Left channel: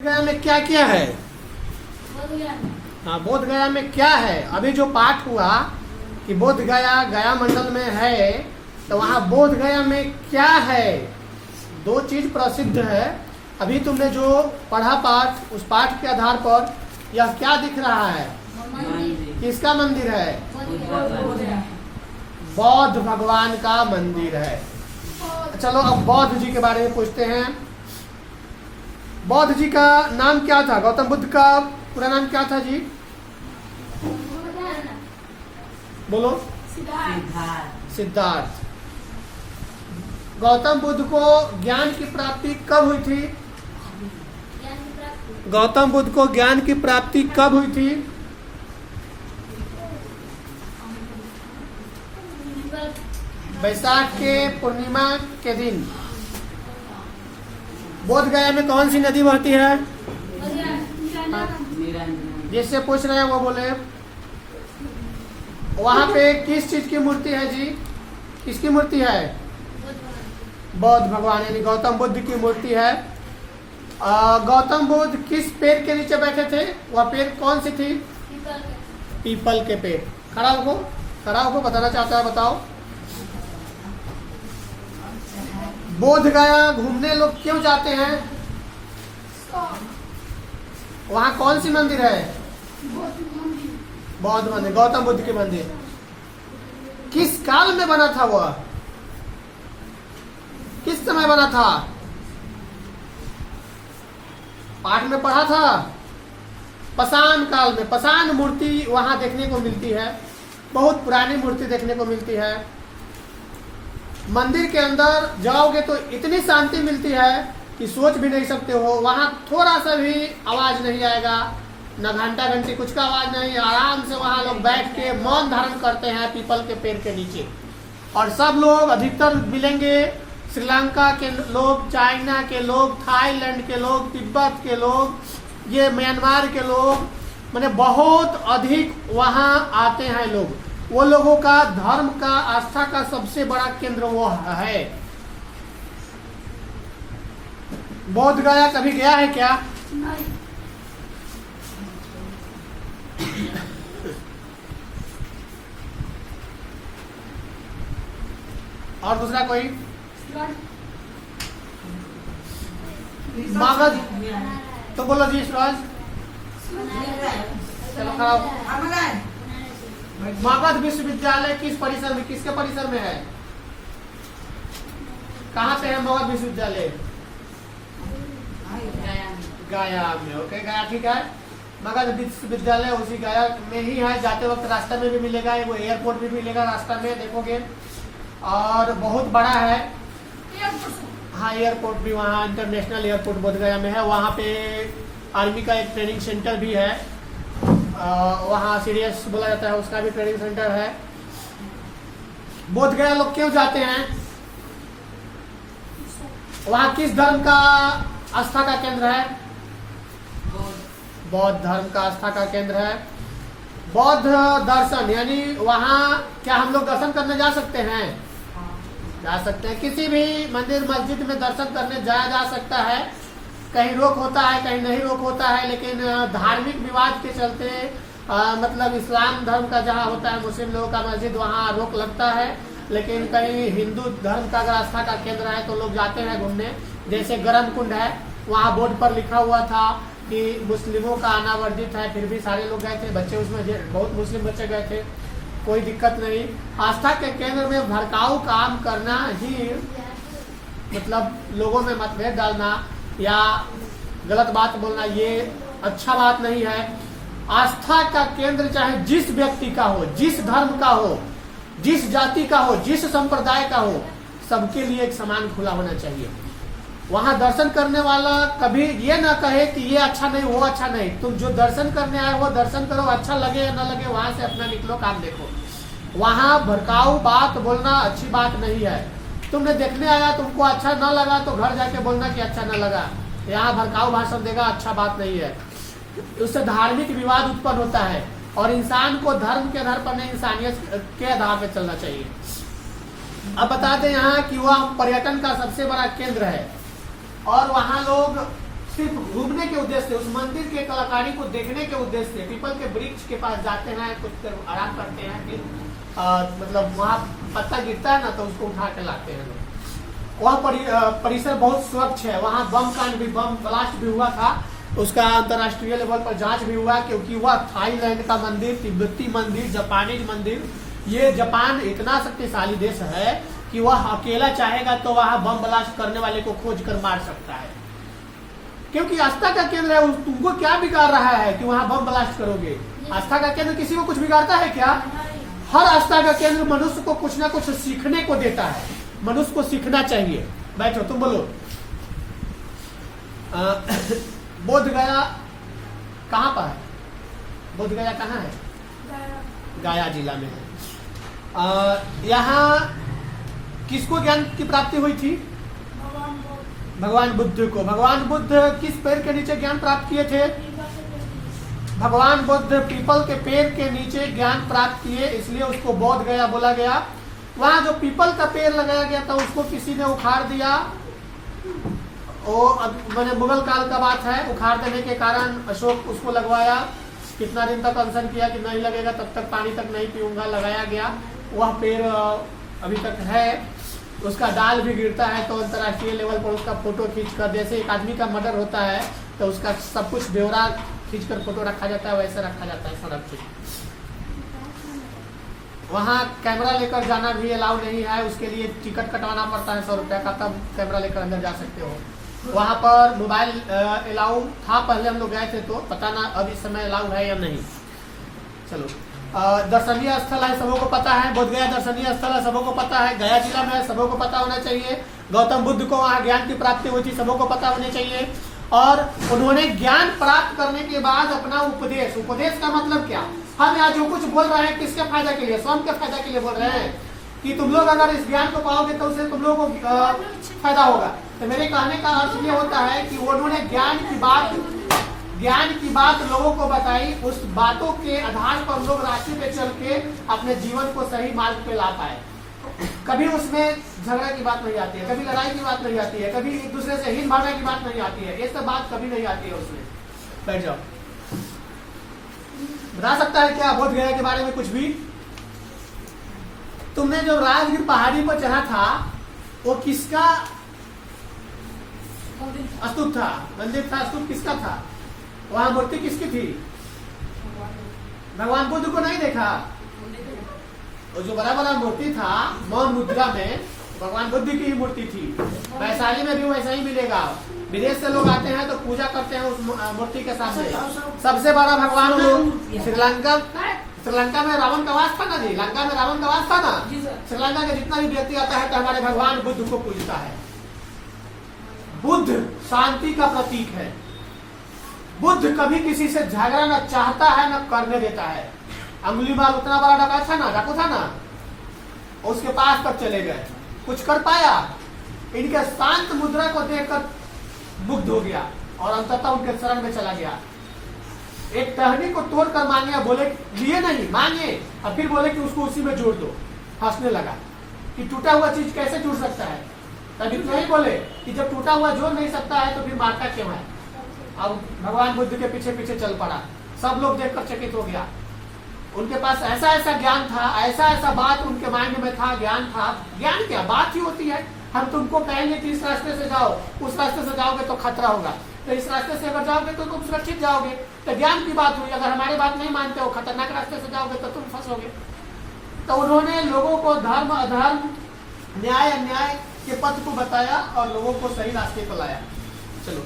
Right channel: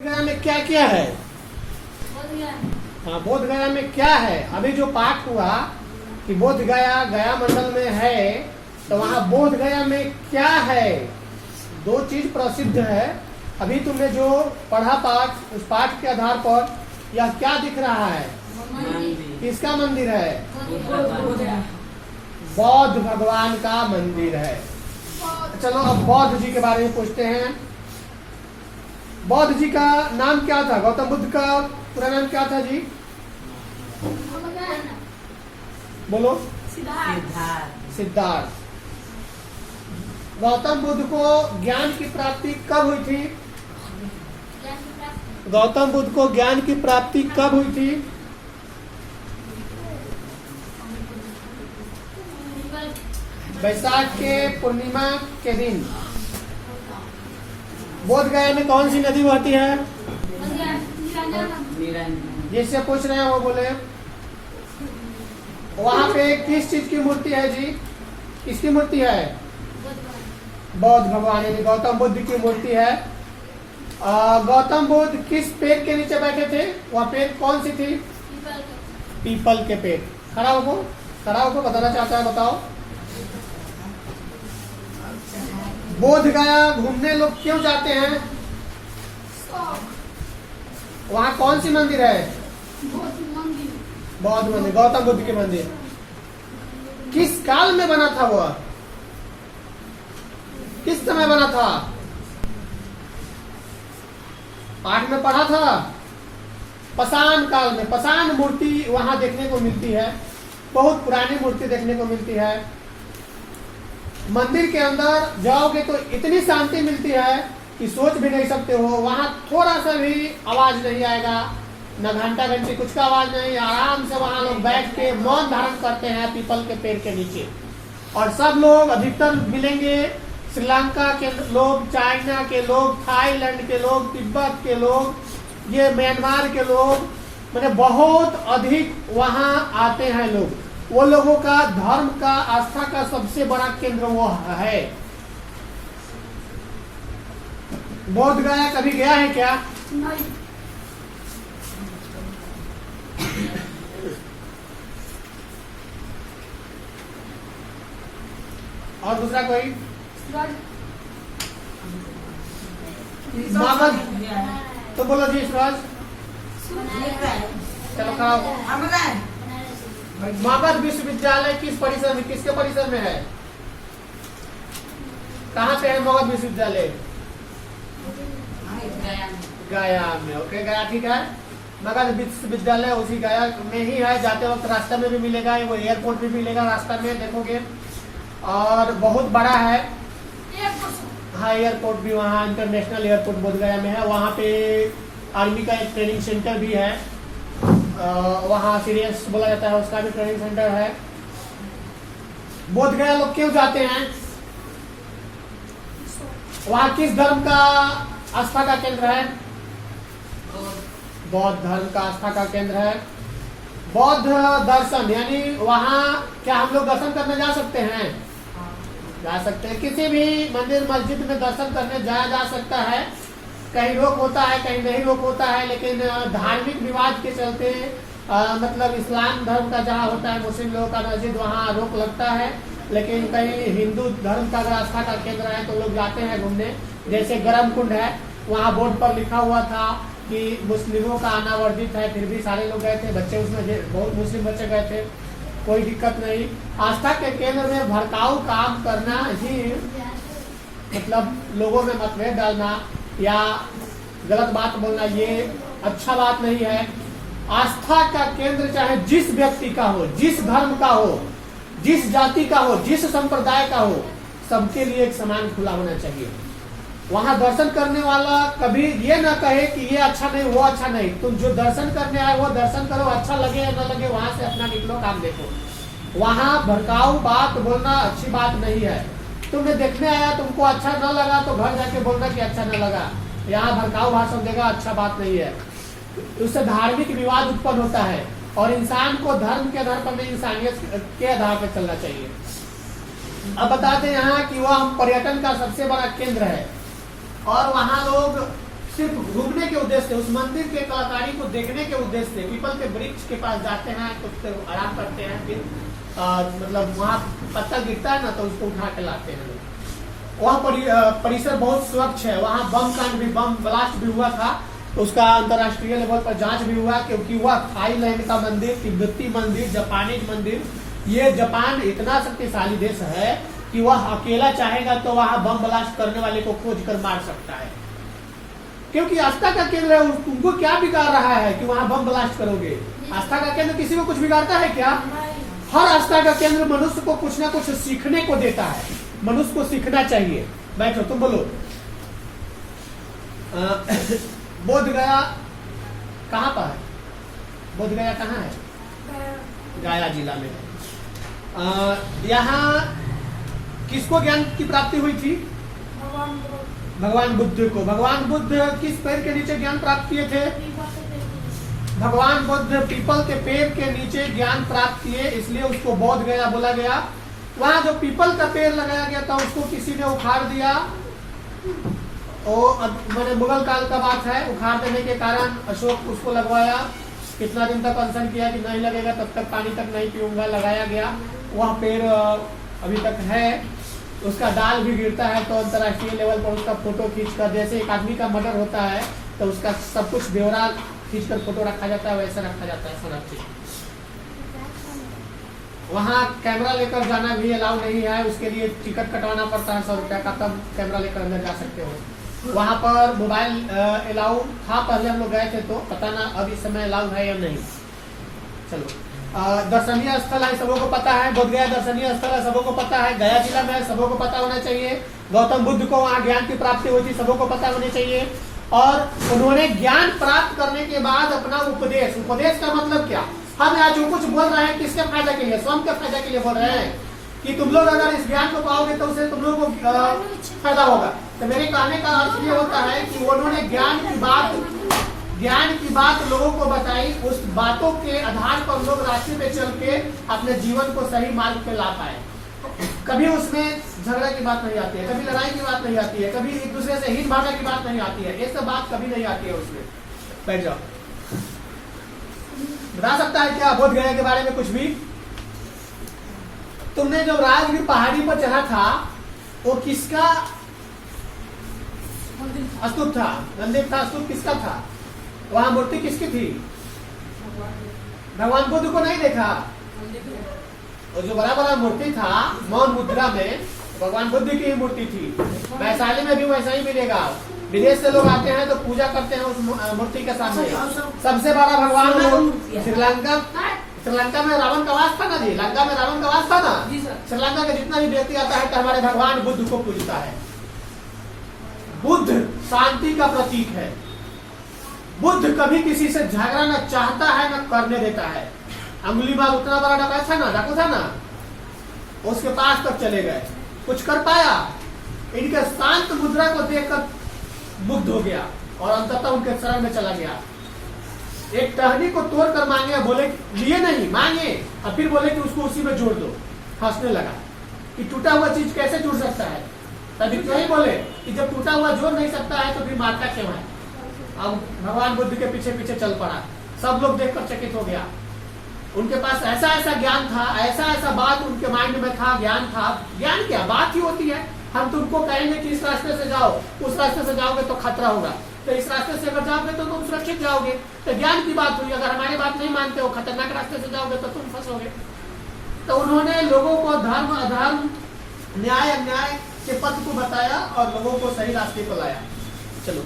गया में क्या क्या है? हाँ, बोध गया में क्या है? अभी जो पाठ हुआ कि बोध गया गया मंडल में है, तो वहाँ बोध गया में क्या है? दो चीज प्रसिद्ध है। अभी तुमने जो पढ़ा पाठ, उस पाठ के आधार पर यह क्या दिख रहा है? किसका मंदिर है? बौद्ध भगवान का मंदिर है। चलो अब बौद्ध जी के बारे में पूछते हैं। बौद्ध जी का नाम क्या था? गौतम बुद्ध का पूरा नाम क्या था जी? बोलो। सिद्धार्थ। गौतम बुद्ध को ज्ञान की प्राप्ति कब हुई थी? गौतम बुद्ध को ज्ञान की प्राप्ति कब हुई थी? वैशाख के पूर्णिमा के दिन। बोध गया में कौन सी नदी बहती है? जिससे पूछ रहे हैं वो बोले। वहाँ पे किस चीज की मूर्ति है जी? किसकी मूर्ति है? बौद्ध भगवान यानी गौतम बुद्ध की मूर्ति है। गौतम बुद्ध किस पेड़ के नीचे बैठे थे? वह पेड़ कौन सी थी? पीपल के पेड़। खड़ा होकर बताना चाहता है, बताओ। बोध गया घूमने लोग क्यों जाते हैं? वहाँ कौन सी मंदिर है? बौद्ध मंदिर, गौतम बुद्ध की मंदिर। किस काल में बना था वह? किस समय बना था? पाठ में पढ़ा था। पाषाण काल में। पाषाण मूर्ति वहां देखने को मिलती है। बहुत पुरानी मूर्ति देखने को मिलती है। मंदिर के अंदर जाओगे तो इतनी शांति मिलती है कि सोच भी नहीं सकते हो। वहाँ थोड़ा सा भी आवाज नहीं आएगा, न घंटा घंटी कुछ का आवाज नहीं। आराम से वहाँ लोग बैठ के मौन धारण करते हैं पीपल के पेड़ के नीचे। और सब लोग अधिकतर मिलेंगे श्रीलंका के लोग, चाइना के लोग, थाईलैंड के लोग, तिब्बत के लोग, ये म्यांमार के लोग, मैंने बहुत अधिक वहाँ आते हैं लोग। वो लोगों का धर्म का, आस्था का सबसे बड़ा केंद्र वो है। बोध गया कभी गया है क्या? नहीं। और दूसरा कोई? मागध। तो बोलो जी सूरज। मागध विश्वविद्यालय किस परिसर में, किसके परिसर में है? कहाँ पे है मागध विश्वविद्यालय? गया में। ओके, गया ठीक है। मगध विश्वविद्यालय उसी गया में ही है। जाते वक्त रास्ते में भी मिलेगा, वो एयरपोर्ट भी मिलेगा रास्ता में, देखोगे। और बहुत बड़ा है। हाँ, एयरपोर्ट भी वहाँ, इंटरनेशनल एयरपोर्ट बोध गया में है। वहाँ पे आर्मी का एक ट्रेनिंग सेंटर भी है। वहाँ सीरियस बोला जाता है, उसका भी ट्रेनिंग सेंटर है। बोध गया लोग क्यों जाते हैं? वहाँ किस धर्म का आस्था का केंद्र है? बौद्ध धर्म का आस्था का केंद्र है। बौद्ध दर्शन यानी वहाँ क्या हम लोग दर्शन करने जा सकते हैं? जा सकते हैं। किसी भी मंदिर मस्जिद में दर्शन करने जाया जा सकता है। कहीं रोक होता है, कहीं नहीं रोक होता है, लेकिन धार्मिक विवाद के चलते मतलब इस्लाम धर्म का जहाँ होता है, मुस्लिम लोगों का मस्जिद, वहाँ रोक लगता है। लेकिन कहीं हिंदू धर्म का अगर आस्था का केंद्र है तो लोग जाते हैं घूमने। जैसे गर्म कुंड है, वहाँ बोर्ड पर लिखा हुआ था कि मुस्लिमों का आना वर्जित है, फिर भी सारे लोग गए थे। बच्चे उसमें बहुत मुस्लिम बच्चे गए थे, कोई दिक्कत नहीं। आस्था के केंद्र में भड़काऊ काम करना ही, मतलब लोगों में मतभेद डालना या गलत बात बोलना, ये अच्छा बात नहीं है। आस्था का केंद्र चाहे जिस व्यक्ति का हो, जिस धर्म का हो, जिस जाति का हो, जिस संप्रदाय का हो, सबके लिए एक समान खुला होना चाहिए। वहाँ दर्शन करने वाला कभी ये ना कहे कि ये अच्छा नहीं, वो अच्छा नहीं। तुम जो दर्शन करने आए वो दर्शन करो, अच्छा लगे या न लगे, वहां से अपना निकलो, काम देखो। वहाँ भड़काऊ बात बोलना अच्छी बात नहीं है। तुमने देखने आया, तुमको अच्छा न लगा तो घर जाके बोलना कि अच्छा न लगा। यहाँ भड़काऊ भाषण देगा अच्छा बात नहीं है। उससे धार्मिक विवाद उत्पन्न होता है। और इंसान को धर्म के आधार पर नहीं, इंसानियत के आधार पर चलना चाहिए। अब बताते हैं यहाँ कि वह पर्यटन का सबसे बड़ा केंद्र है। और वहाँ लोग सिर्फ घूमने के उद्देश्य से, उस मंदिर के कलाकारी को देखने के उद्देश्य से पीपल के वृक्ष के पास जाते हैं, कुछ देर आराम करते हैं, फिर मतलब वहाँ पत्ता गिरता है ना तो उसको उठा के लाते हैं। वह परिसर बहुत स्वच्छ है। वहाँ बम कांड भी, बम ब्लास्ट भी हुआ था, तो उसका अंतर्राष्ट्रीय लेवल पर जांच भी हुआ, क्योंकि वह थाईलैंड का मंदिर, तिब्बती मंदिर, जापानीज मंदिर, ये जापान इतना शक्तिशाली देश है कि वह अकेला चाहेगा तो वहाँ बम ब्लास्ट करने वाले को खोज कर मार सकता है, क्योंकि आस्था का केंद्र है। तुमको क्या बिगाड़ रहा है कि वहाँ बम ब्लास्ट करोगे? आस्था का केंद्र किसी को कुछ बिगाड़ता है क्या? हर आस्था का केंद्र मनुष्य को कुछ ना कुछ सीखने को देता है, मनुष्य को सीखना चाहिए। बैठो, तुम बोलो। बोध गया कहाँ पर है? बोध गया कहाँ है? गया जिला में है। यहाँ किसको ज्ञान की प्राप्ति हुई थी? भगवान बुद्ध को। भगवान बुद्ध किस पेड़ के नीचे ज्ञान प्राप्त किए थे? भगवान बुद्ध पीपल के पेड़ के नीचे ज्ञान प्राप्त किए, इसलिए उसको बोध गया बोला गया। वहाँ जो पीपल का पेड़ लगाया गया था उसको किसी ने उखाड़ दिया, और मैंने मुगल काल का बात है। उखाड़ देने के कारण अशोक उसको लगवाया, कितना दिन तक अनशन किया कि नहीं लगेगा तब तक पानी तक नहीं पीऊंगा, लगाया गया। वह पेड़ अभी तक है, उसका डाल भी गिरता है तो अंतर्राष्ट्रीय लेवल पर उसका फोटो खींचकर, जैसे एक आदमी का मर्डर होता है तो उसका सब कुछ ब्यौरा खींचकर फोटो रखा जाता है, वैसे रखा जाता है संरक्षित। वहाँ कैमरा लेकर जाना भी अलाउ नहीं है, उसके लिए टिकट कटवाना पड़ता है 100 रुपया का, तब कैमरा लेकर अंदर जा सकते हो। वहाँ पर मोबाइल अलाउ था, पहले हम लोग गए थे तो पता ना अब इस समय अलाउ है या नहीं। चलो, दर्शनीय स्थल है, सबों को पता है। बोध गया दर्शनीय स्थल है, सबों को पता है। गया जिला में, सबों को पता होना चाहिए। गौतम बुद्ध को वहाँ ज्ञान की प्राप्ति हुई थी, सबों को पता होनी चाहिए। और उन्होंने ज्ञान प्राप्त करने के बाद अपना उपदेश, उपदेश का मतलब क्या? हम आज जो कुछ बोल रहे हैं किसके फायदा के लिए? स्वयं के फायदा के लिए बोल रहे हैं कि तुम लोग अगर इस ज्ञान को पाओगे तो उससे तुम लोगों को फायदा होगा। तो मेरे कहने का अर्थ ये होता है कि उन्होंने ज्ञान की बात लोगों को बताई, उस बातों के आधार पर लोग रास्ते पे चल के अपने जीवन को सही मार्ग पे ला पाए। कभी उसमें झगड़ा की बात नहीं आती है, कभी लड़ाई की बात नहीं आती है, कभी एक दूसरे से हित भावना की बात नहीं आती है, ये सब बात कभी नहीं आती है उसमें। बैठ जाओ। बता सकता है क्या बोध गया के बारे में कुछ भी? तुमने जो राजगीर पहाड़ी पर चढ़ा था वो किसका स्तूप था? मंदिर था, स्तूप किसका था? वहाँ मूर्ति किसकी थी? भगवान बुद्ध को नहीं देखा? और जो बड़ा बड़ा मूर्ति था मौन मुद्रा में, भगवान बुद्ध की ही मूर्ति थी। वैशाली में भी वैसा ही मिलेगा। विदेश से लोग आते हैं तो पूजा करते हैं उस मूर्ति के सामने। सबसे बड़ा भगवान श्रीलंका में रावण का वास था ना जी, लंका में रावण का वास था ना। श्रीलंका का जितना भी व्यक्ति आता है तो हमारे भगवान बुद्ध को पूजता है। बुद्ध शांति का प्रतीक है। बुद्ध कभी किसी से झगड़ा न चाहता है न करने देता है। अंगुलीमाल उतना बड़ा डाकू था ना, उसके पास तक चले गए, कुछ कर पाया? इनके शांत मुद्रा को देखकर मुग्ध हो गया और अंततः उनके शरण में चला गया। एक टहनी को तोड़ कर मांगे, बोले लिए नहीं, मांगे और फिर बोले कि उसको उसी में जोड़ दो। हंसने लगा कि टूटा हुआ चीज कैसे जुड़ सकता है। तभी तो ही बोले कि जब टूटा हुआ जोड़ नहीं सकता है तो फिर मारता क्यों है। अब भगवान बुद्ध के पीछे पीछे चल पड़ा। सब लोग देखकर चकित हो गया। उनके पास ऐसा ऐसा ज्ञान था, ऐसा ऐसा बात उनके माइंड में था, ज्ञान था। ज्ञान क्या बात ही होती है। हम तुमको कहेंगे कि इस रास्ते से जाओ, उस रास्ते से जाओगे तो खतरा होगा, तो इस रास्ते से अगर जाओगे तो तुम सुरक्षित जाओगे। तो ज्ञान की बात हुई। अगर हमारी बात नहीं मानते हो, खतरनाक रास्ते से जाओगे तो तुम फंसोगे। तो उन्होंने लोगों को धर्म अधर्म, न्याय अन्याय के पथ को बताया और लोगों को सही रास्ते को लाया। चलो।